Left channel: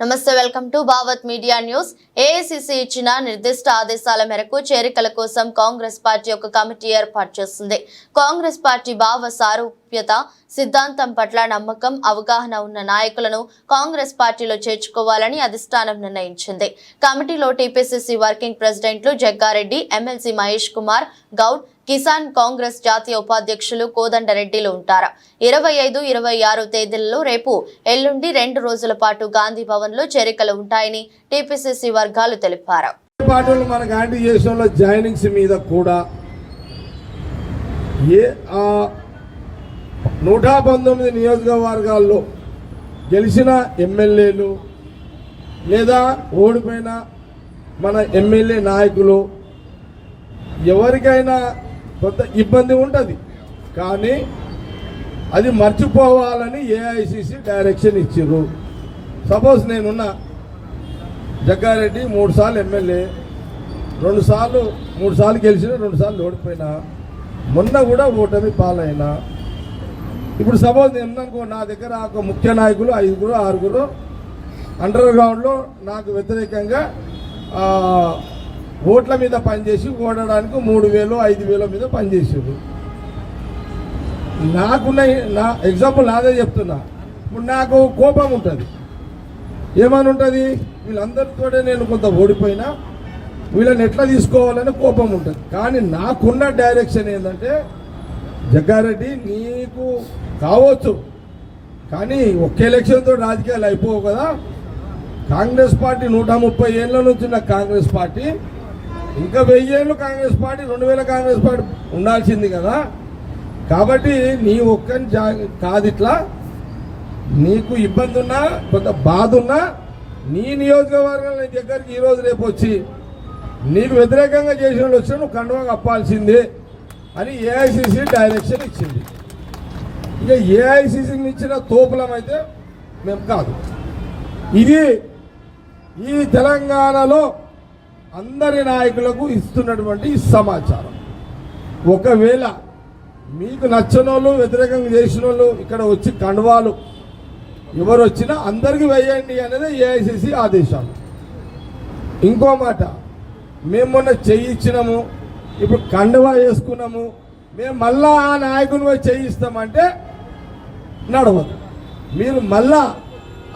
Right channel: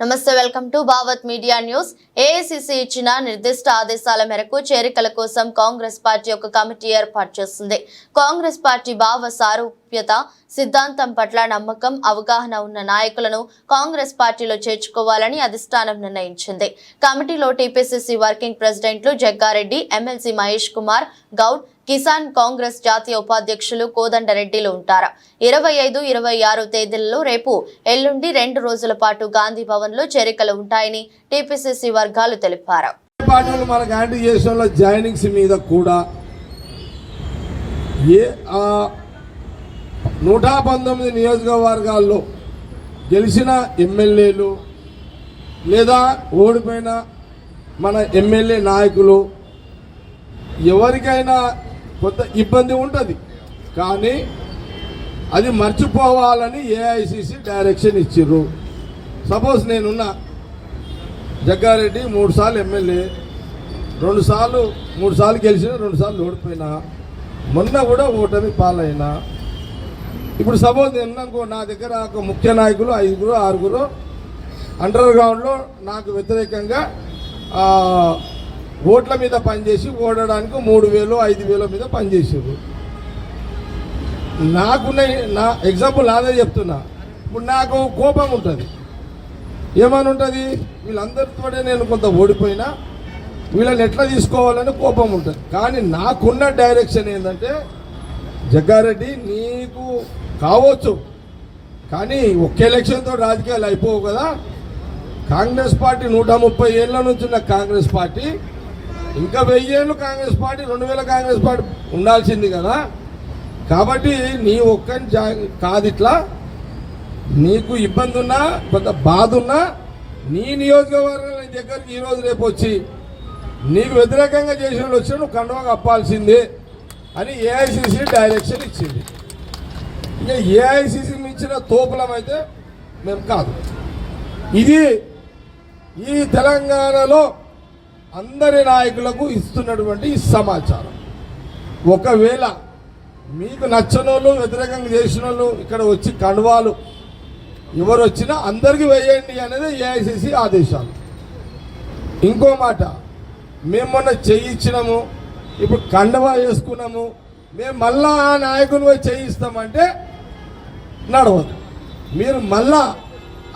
నమస్తే welcome to Bhavat media news. AICC ఇచ్చిన నిర్దిష్ట ఆదేశాల మేరకు చేరికల కోసం కాంగ్రెస్ పార్టీ ఒక కమిటీ ఏర్పాటు చేసింది. కాంగ్రెస్ పార్టీ భావ సారూప్యత సిద్ధాంతం పట్ల నమ్మకం, అవగాహన ఉన్న నాయకులను కాంగ్రెస్ పార్టీలో చేర్చుకోవాలని అధిష్టానం నిర్ణయించింది. కమిటీలో టీపీసీసీ వర్కింగ్ ప్రెసిడెంట్లు జగ్గారెడ్డి, ఎమ్మెల్సీ మహేష్ కుమార్ గౌడ్, కిసాన్ కాంగ్రెస్ జాతీయ ఉపాధ్యక్షులు కోదండరెడ్డిలు ఉంటారు. 25, 26 తేదీలలో రేపు ఎల్లుండి 2 రోజుల పాటు గాంధీ భవన్ లో చేరికలు ఉంటాయని టీపీసీసీ వర్గాలు తెలిపారు. జాయినింగ్స్ మీద కూడా 119 నియోజకవర్గాల్లో గెలిచిన ఎమ్మెల్యేలు లేదా ఓడిపోయిన మన ఎమ్మెల్యే నాయకులు ఎవరికైనా కొంత ఇబ్బంది ఉంటుంది, కానీ అది మర్చిపోవాలని ఏఐసిసి డైరెక్షన్ ఇచ్చిర్రు. సపోజ్ నేనున్నా జగ్గారెడ్డి 3 సార్లు ఎమ్మెల్యే, 3 సార్లు గెలిచిన, 2 సార్లు ఓడిపోయినా, మొన్న కూడా ఓటమి పాలైనా. ఇప్పుడు సపోజ్ నేను అనుకో, నా దగ్గర ఒక ముఖ్య నాయకులు 5, 6 అండర్ గ్రౌండ్లో నాకు వ్యతిరేకంగా ఓట్ల మీద పనిచేసి ఓడడానికి 3,000, 5,000 మీద పనిచేసారు. నా ఎగ్జాంపుల్ అదే చెప్తున్నా. ఇప్పుడు నాకు కోపం ఉంటుంది, ఏమని ఉంటుంది, వీళ్ళందరితో నేను కొంత ఓడిపోయినా వీళ్ళని ఎట్లా తీసుకోవాలని కోపం ఉంటుంది. కానీ నాకున్న డైరెక్షన్ ఏంటంటే, జగ్గారెడ్డి నీకు కావచ్చు, కానీ ఒక్క ఎలక్షన్తో రాజకీయాలు అయిపోవు కదా. కాంగ్రెస్ పార్టీ 130 ఏళ్ళ నుంచి ఉన్న కాంగ్రెస్ పార్టీ, ఇంకా 1000 ఏళ్ళు కాంగ్రెస్ పార్టీ, 2000 కాంగ్రెస్ పార్టీ ఉండాల్సింది కదా. కాబట్టి నీ ఒక్కని కాదు, ఇట్లా నీకు ఇబ్బంది ఉన్నా, కొంత బాధ ఉన్నా, నీ నియోజకవర్గం నీ దగ్గరికి ఈరోజు రేపు వచ్చి నీకు వ్యతిరేకంగా చేసిన వాళ్ళు వచ్చి నువ్వు కండువా కప్పాల్సిందే అని ఏఐసిసి డైరెక్షన్ ఇచ్చింది. ఇంకా ఏఐసిసికి ఇచ్చిన తోపులం అయితే మేము కాదు. ఇది ఈ తెలంగాణలో అందరి నాయకులకు ఇస్తున్నటువంటి సమాచారం. ఒకవేళ మీకు నచ్చని వాళ్ళు, వ్యతిరేకంగా చేసిన వాళ్ళు ఇక్కడ వచ్చి కండువాలు ఎవరు వచ్చినా అందరికీ వేయండి అనేది ఏఐసిసి ఆదేశాలు. ఇంకో మాట, మేము మొన్న చేయించినాము, ఇప్పుడు కండువా వేసుకున్నాము, మేము మళ్ళా ఆ నాయకుని చేయిస్తామంటే నడవదు. మీరు మళ్ళా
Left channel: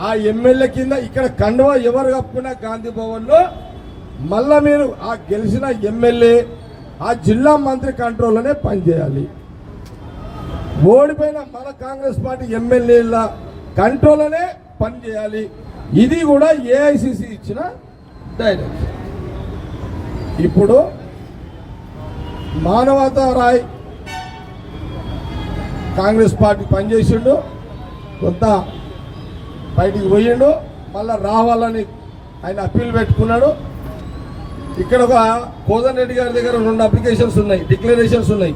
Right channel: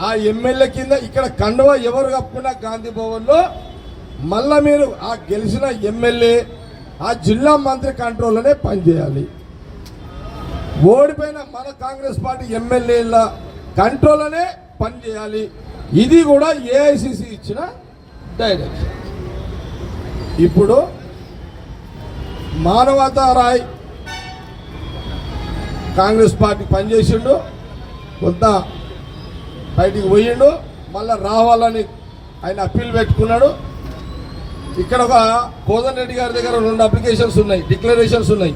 ఆ ఎమ్మెల్యే కింద ఇక్కడ కండువా ఎవరు కప్పుకున్నా గాంధీ భవన్లో మళ్ళా మీరు ఆ గెలిచిన ఎమ్మెల్యే, ఆ జిల్లా మంత్రి కంట్రోల్లోనే పనిచేయాలి. ఓడిపోయిన మన కాంగ్రెస్ పార్టీ ఎమ్మెల్యేల కంట్రోల్లోనే పనిచేయాలి. ఇది కూడా ఏఐసిసి ఇచ్చిన డైరెక్షన్. ఇప్పుడు మానవతా రాయ్ కాంగ్రెస్ పార్టీ పనిచేసిండు, కొంత బయటికి పోయిండు, మళ్ళా రావాలని ఆయన అప్పీల్ పెట్టుకున్నాడు. ఇక్కడ ఒక కోదండరెడ్డి గారి దగ్గర 2 అప్లికేషన్స్ ఉన్నాయి, డిక్లరేషన్స్ ఉన్నాయి.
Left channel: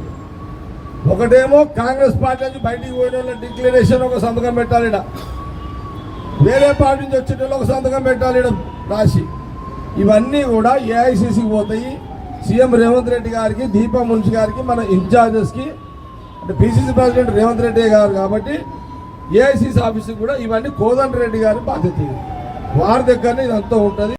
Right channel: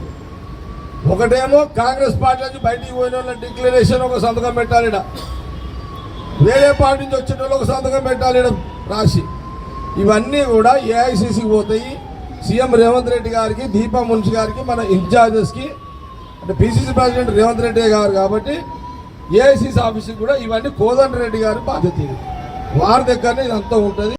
ఒకటేమో కాంగ్రెస్ పార్టీ నుంచి బయటికి పోయిన వాళ్ళ డిక్లరేషన్ ఒక సంతకం పెట్టాలి, వేరే పార్టీ నుంచి వచ్చిన వాళ్ళు ఒక సంతకం పెట్టాలి రాసి. ఇవన్నీ కూడా ఏఐసిసికి పోతాయి. సీఎం రేవంత్ రెడ్డి గారికి, దీపా మున్షి గారికి, మన ఇన్ఛార్జెస్కి, అంటే పిసిసి ప్రెసిడెంట్ రేవంత్ రెడ్డి గారు కాబట్టి ఏఐసిసి ఆఫీస్కి కూడా ఇవన్నీ కోదండరెడ్డి గారి బాధ్యత. వారి దగ్గరనే ఇదంతా ఉంటుంది.